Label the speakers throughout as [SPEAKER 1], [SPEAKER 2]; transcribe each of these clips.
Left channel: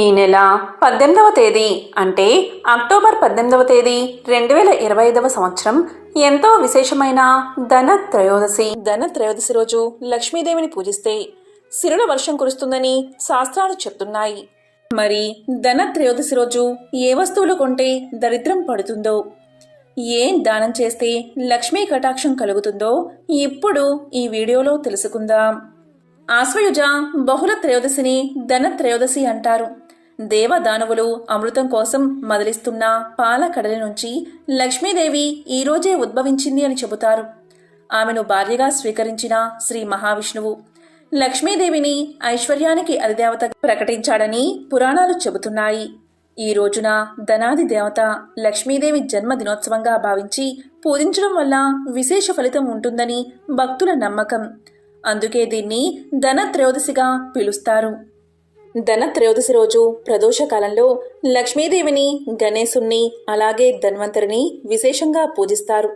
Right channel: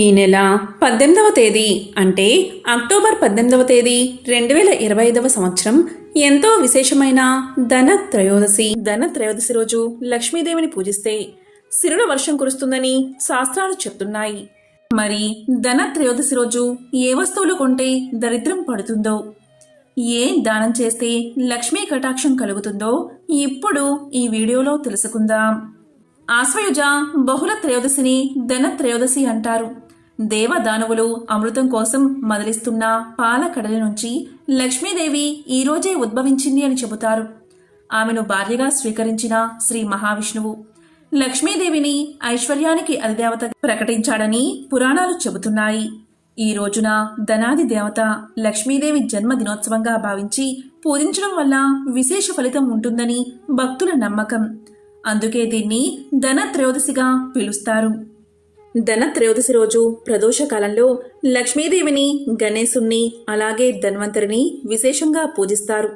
[SPEAKER 1] ఈ నెల పద్దెనిమిదవ తేదీ అంటే అక్టోబర్ పద్దెనిమిదవ తేదీ రెండు వేల ఇరవై ఐదవ సంవత్సరం ఎంతో విశేషమైన ధన త్రయోదశి. ధన త్రయోదశి రోజు లక్ష్మీదేవిని పూజిస్తే సిరుల వర్షం కురుస్తుందని శాస్త్రాలు చెప్తున్నాయి. మరి ధన త్రయోదశి రోజు ఏ వస్తువులు కొంటే దరిద్రం పడుతుందో ఏం దానం చేస్తే లక్ష్మీ కటాక్షం కలుగుతుందో ఇప్పుడు ఈ వీడియోలో తెలుసుకుందాం. ఆశ్వయుజ బహుళ త్రయోదశిని ధన త్రయోదశి అంటారు. దేవదానవులు అమృతం కోసం మదిలిస్తున్న పాలకడల నుంచి లక్ష్మీదేవి ఈ రోజే ఉద్భవించింది అని చెబుతారు. ఆమెను భార్యగా స్వీకరించిన శ్రీ మహావిష్ణువు లక్ష్మీదేవిని ఐశ్వర్యానికి అధిదేవత ప్రకటించాడని పురాణాలు చెబుతున్నాయి. ఈ రోజున ధనాది దేవత లక్ష్మీదేవి జన్మదినోత్సవంగా భావించి పూజించడం వల్ల విశేష ఫలితం ఉంటుందని భక్తుల నమ్మకం. అందుకే దీన్ని ధన త్రయోదశిగా పిలుస్తారు. ధనత్రయోదశి రోజు ప్రదోషకాలంలో లక్ష్మీదేవిని గణేశుణ్ణి అలాగే ధన్వంతరిని విశేషంగా పూజిస్తారు.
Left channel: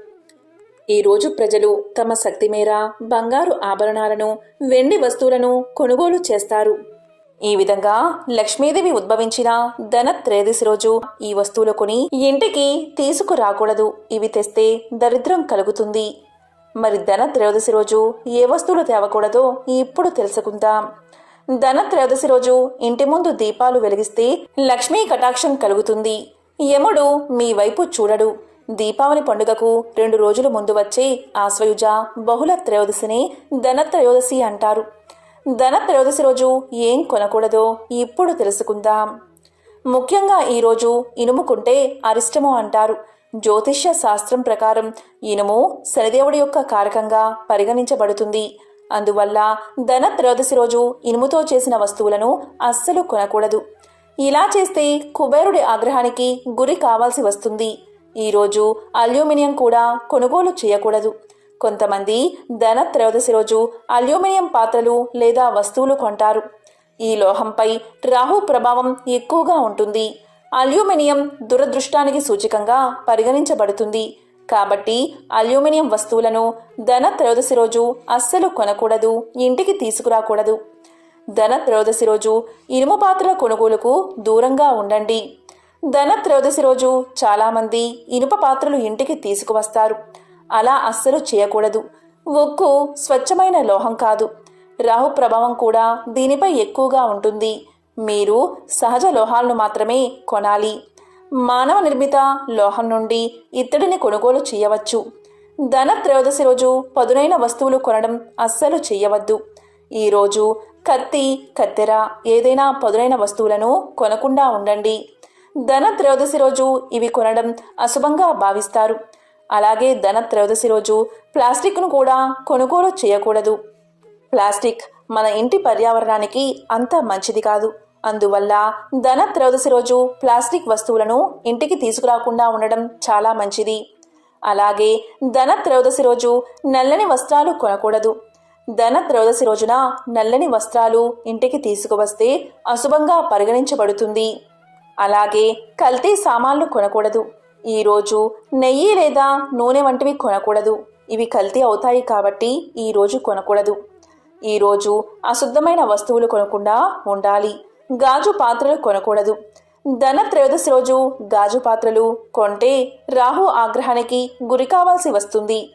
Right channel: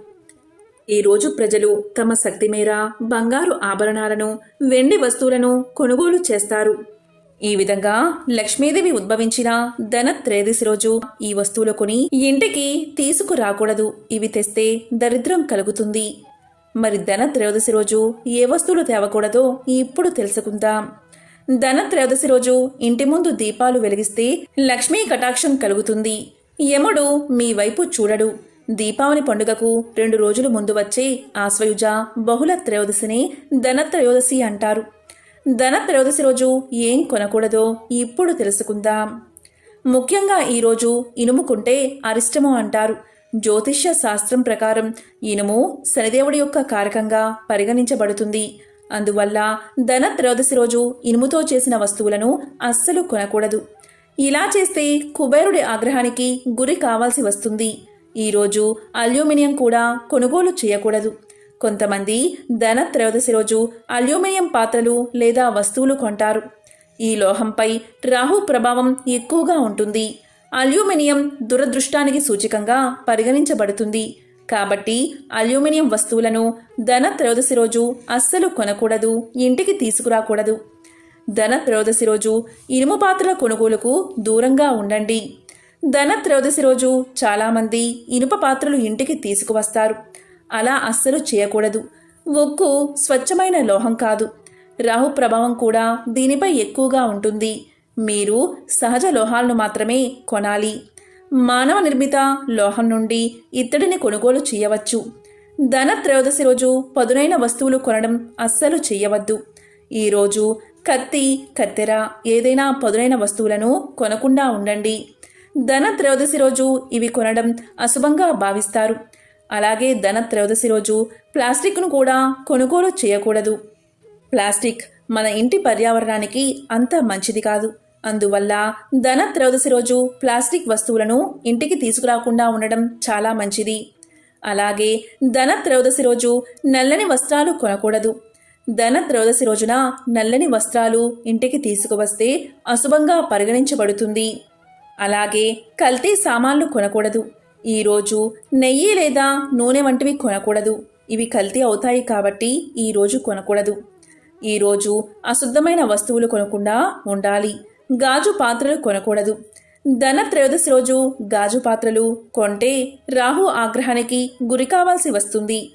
[SPEAKER 1] ఈ రోజు ప్రజలు తమ శక్తి మేర బంగారు ఆభరణాలను వెండి వస్తువులను కొనుగోలు చేస్తారు. ఈ విధంగా లక్ష్మీదేవి ఉద్భవించిన ధన త్రయోదశి రోజు ఈ వస్తువులు కొని ఇంటికి తీసుకురాకూడదు. ఇవి తెస్తే దరిద్రం కలుగుతుంది. మరి ధన త్రయోదశి రోజు ఏ వస్తువులు తేవకూడదో ఇప్పుడు తెలుసుకుందాం. ధన త్రయోదశి రోజు ఇంటి ముందు దీపాలు వెలిగిస్తే లక్ష్మీ కటాక్షం కలుగుతుంది. యముడు మీ వైపు చూడడు. దీపావళి పండుగకు రెండు రోజుల ముందు వచ్చే ఆశ్వయుజ బహుళ త్రయోదశిని ధన త్రయోదశి అంటారు. ధన త్రయోదశి రోజు ఏం కొనకూడదో ఇప్పుడు తెలుసుకుందాం. ముఖ్యంగా ఈరోజు ఇనుముకుంటే అరిష్టము అంటారు. జ్యోతిష్య శాస్త్రం ప్రకారం ఇనుము శనిదేవుడి యొక్క కారకంగా పరిగణించబడుతుంది. అందువల్ల ధనత్రయోదశి రోజు ఇనుముతో చేసిన వస్తువులను అస్సలు కొనకూడదు. ఇలా చేస్తే కుబేరుడి ఆగ్రహానికి గురి కావాల్సి వస్తుంది. ఈరోజు అల్యూమినియం కూడా కొనుగోలు చేయకూడదు. కొంతమంది ధనత్రయోదశి రోజు అల్యూమినియం పాత్రలు లేదా వస్తువులు కొంటారు. ఈ లోహంపై రాహు ప్రభావం ఎక్కువగా ఉంటుంది. అల్యూమినియం దురదృష్టానికి సూచికంగా పరిగణించబడుతుంది. కాబట్టి అల్యూమినియం వస్తువులను ధన త్రయోదశి రోజు అస్సలు కొనకూడదు ఇంటికి తీసుకురాకూడదు. ధన త్రయోదశి రోజు ఇనుము పాత్రల కొనుగోలుకు దూరంగా ఉండండి. ధన త్రయోదశి రోజు చాలామంది ఇనుప పాత్రలు ఇంటికి తీసుకువస్తారు. అలా అస్సలు చేయకూడదు. ఉక్కు స్వచ్ఛమైన లోహం కాదు. రాహు ప్రభావం కూడా దీనిపై ఎక్కువగా ఉంటుంది. మీరు సహజ లోహాలను మాత్రమే కొనాలి. మానవ నిర్మిత లోహం నుండి ఇత్తడిని కొనుగోలు చేయవచ్చు. ధన త్రయోదశి రోజు పదునైన వస్తువులు కొనడం అస్సలు చేయవద్దు. ఈరోజు కత్తి కత్తెర ఏదైనా పదునైన వస్తువులను కొనకుండా ఉండండి. ధన త్రయోదశి రోజు ఇవి కొనడం అశుభంగా భావిస్తారు. అలాగే ధన త్రయోదశి రోజు ప్లాస్టిక్ను కూడా కొనుగోలు చేయకూడదు. ప్లాస్టిక్ మన ఇంటి పర్యావరణానికి అంత మంచిది కాదు. అందువల్ల ధన త్రయోదశి రోజు ప్లాస్టిక్ వస్తువులను ఇంటికి తీసుకురాకుండా ఉండడం చాలా మంచిది. అలాగే ధన త్రయోదశి రోజు నల్లని వస్త్రాలు కొనకూడదు. ధన త్రయోదశి రోజున నల్లని వస్త్రాలు ఇంటికి తీసుకువస్తే అశుభంగా పరిగణించబడుతుంది. అలాగే కల్తీ సామాన్లు కొనకూడదు. ఈరోజు నెయ్యి లేదా నూనె వంటివి కొనకూడదు. ఇవి కల్తీ అవుతాయి కాబట్టి ఈరోజు కొనకూడదు. ఈరోజు అశుద్ధమైన వస్తువులు కొనకుండా ఉండాలి. గాజు పాత్రలు కొనకూడదు. ధన త్రయోదశి రోజు గాజు పాత్రలు కొంటే రాహు ఆగ్రహానికి గురి కావాల్సి వస్తుంది.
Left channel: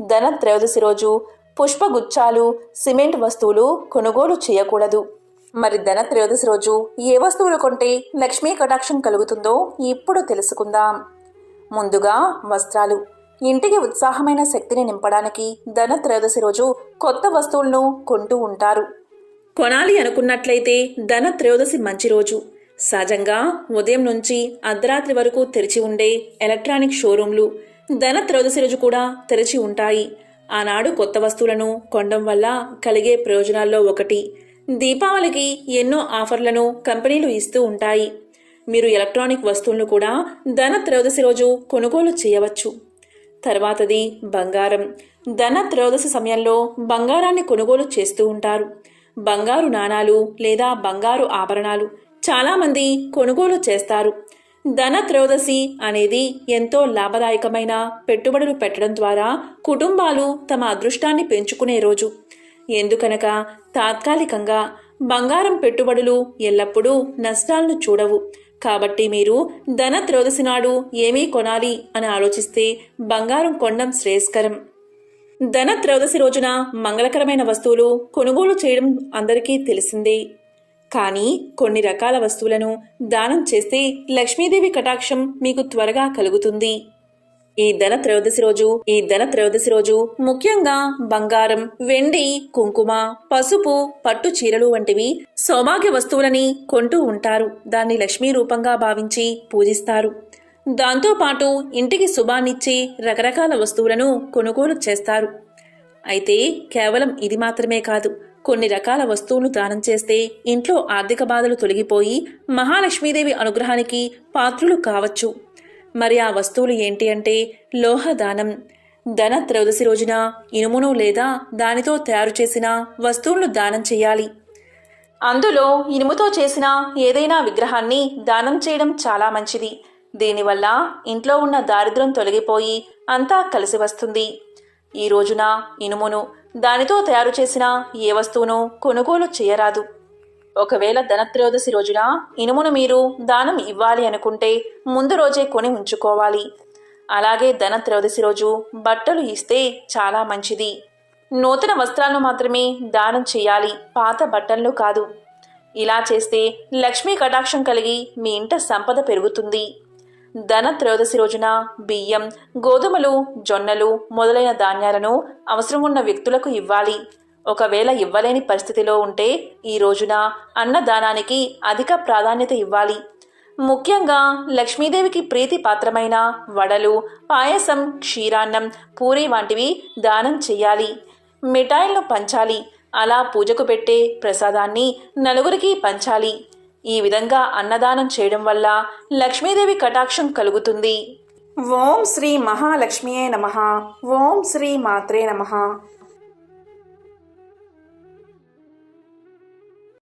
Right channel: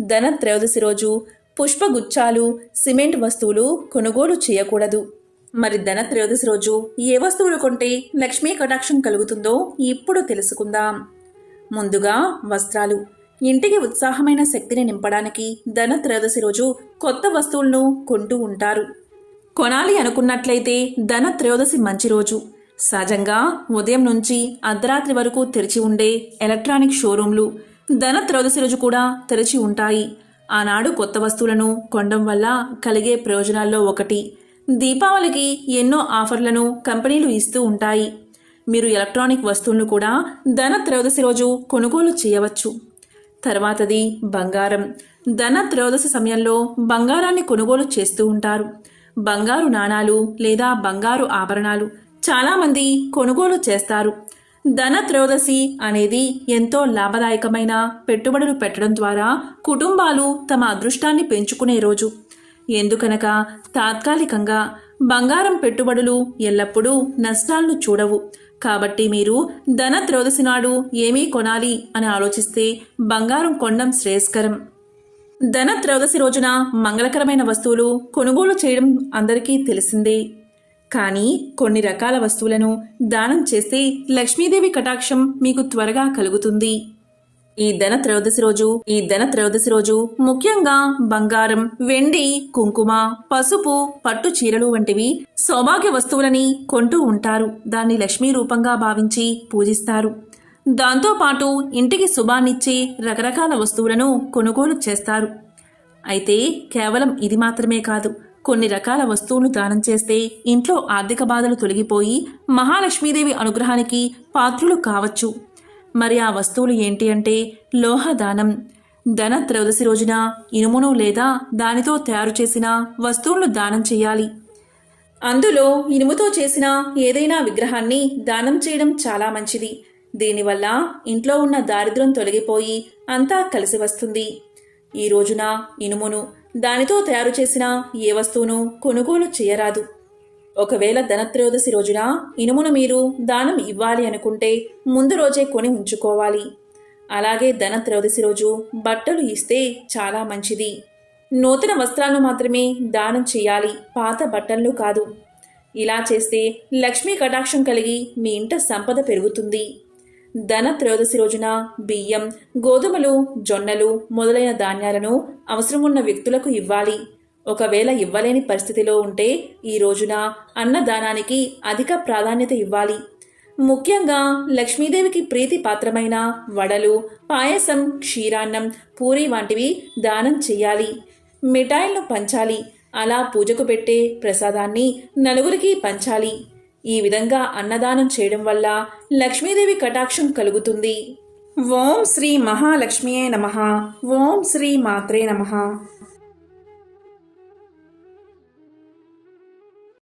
[SPEAKER 1] ధన త్రయోదశి రోజు పుష్పగుచ్చాలు సిమెంట్ వస్తువులు కొనుగోలు చేయకూడదు. మరి ధన త్రయోదశి రోజు ఏ వస్తువులు కొంటే లక్ష్మీ కటాక్షం కలుగుతుందో ఇప్పుడు తెలుసుకుందాం. ముందుగా వస్త్రాలు. ఇంటికి ఉత్సాహమైన శక్తిని నింపడానికి ధన త్రయోదశి రోజు కొత్త వస్తువులను కొంటూ ఉంటారు. కొనాలి అనుకున్నట్లయితే ధన త్రయోదశి మంచి రోజు. సహజంగా ఉదయం నుంచి అర్ధరాత్రి వరకు తెరిచి ఉండే ఎలక్ట్రానిక్ షోరూంలు ధన త్రయోదశి రోజు కూడా తెరిచి ఉంటాయి. ఆనాడు కొత్త వస్తువులను కొనడం వల్ల కలిగే ప్రయోజనాల్లో ఒకటి. దీపావళికి ఎన్నో ఆఫర్లను కంపెనీలు ఇస్తూ ఉంటాయి. మీరు ఎలక్ట్రానిక్ వస్తువులను కూడా ధన త్రయోదశి రోజు కొనుగోలు చేయవచ్చు. తర్వాతది బంగారం. ధన త్రయోదశి సమయంలో బంగారాన్ని కొనుగోలు చేస్తూ ఉంటారు. బంగారు నాణాలు లేదా బంగారు ఆభరణాలు చాలామంది కొనుగోలు చేస్తారు. ధన త్రయోదశి అనేది ఎంతో లాభదాయకమైన పెట్టుబడులు పెట్టడం ద్వారా కుటుంబాలు తమ అదృష్టాన్ని పెంచుకునే రోజు. ఎందుకనగా తాత్కాలికంగా బంగారం పెట్టుబడులు ఎల్లప్పుడూ నష్టాలను చూడవు. కాబట్టి మీరు ధన త్రయోదశి నాడు ఏమీ కొనాలి అని ఆలోచిస్తే బంగారం కొనడం శ్రేయస్కరం. ధన త్రయోదశి రోజున మంగళకరమైన వస్తువులు కొనుగోలు చేయడం అందరికీ తెలిసిందే. కానీ కొన్ని రకాల వస్తువులను దానం చేస్తే లక్ష్మీదేవి కటాక్షం మీకు త్వరగా కలుగుతుంది. ఈ ధన త్రయోదశి రోజు ఈ ధన త్రయోదశి రోజు ముఖ్యంగా బంగారం వెండి కుంకుమ పసుపు పట్టు చీరలు వంటివి సౌభాగ్య వస్తువులని కొంటూ ఉంటారు. దాన్ని లక్ష్మీ రూపంగా భావించి పూజిస్తారు. దాంతోపాటు ఇంటికి శుభాన్నిచ్చే రకరకాల వస్తువులను కొనుగోలు చేస్తారు. అయితే కేవలం ఇది మాత్రమే కాదు కొన్ని రకాల వస్తువులు దానం చేస్తే ఇంట్లో ఆర్థిక బాధలు తొలగిపోయి మహాలక్ష్మీదేవి అనుగ్రహానికి పాత్రులు కావచ్చు. మరి ఆ వస్తువులు ఏంటి అంటే లోహ దానం ధన త్రయోదశి రోజున ఇనుమును లేదా దానితో తయారు చేసిన వస్తువులను దానం చేయాలి. అందులో ఇనుముతో చేసిన ఏదైనా విగ్రహాన్ని దానం చేయడం చాలా మంచిది. దీనివల్ల ఇంట్లో ఉన్న దారిద్ర్యం తొలగిపోయి అంతా కలిసి వస్తుంది. ఈ రోజున ఇనుమును దానితో తయారు చేసిన ఏ వస్తువును కొనుగోలు చేయరాదు. ఒకవేళ ధనత్రయోదశి రోజున ఇనుమును మీరు దానం ఇవ్వాలి అనుకుంటే ముందు రోజే కొని ఉంచుకోవాలి. అలాగే ధనత్రయోదశి రోజు బట్టలు ఇస్తే చాలా మంచిది. నూతన వస్త్రాలను మాత్రమే దానం చేయాలి పాత బట్టలను కాదు. ఇలా చేస్తే లక్ష్మీ కటాక్షం కలిగి మీ ఇంట సంపద పెరుగుతుంది. ధన త్రయోదశి రోజున బియ్యం గోధుమలు జొన్నలు మొదలైన ధాన్యాలను అవసరం ఉన్న వ్యక్తులకు ఇవ్వాలి. ఒకవేళ ఇవ్వలేని పరిస్థితిలో ఉంటే ఈ రోజున అన్నదానానికి అధిక ప్రాధాన్యత ఇవ్వాలి. ముఖ్యంగా లక్ష్మీదేవికి ప్రీతి పాత్రమైన వడలు పాయసం క్షీరాన్నం పూరి వంటివి దానం చేయాలి. మిఠాయిలను పంచాలి. అలా పూజకు పెట్టే ప్రసాదాన్ని నలుగురికి పంచాలి. ఈ విధంగా అన్నదానం చేయడం వల్ల లక్ష్మీదేవి కటాక్షం కలుగుతుంది. ఓం శ్రీ మహాలక్ష్మియే నమ. ఓం శ్రీ మాత్రే నమ.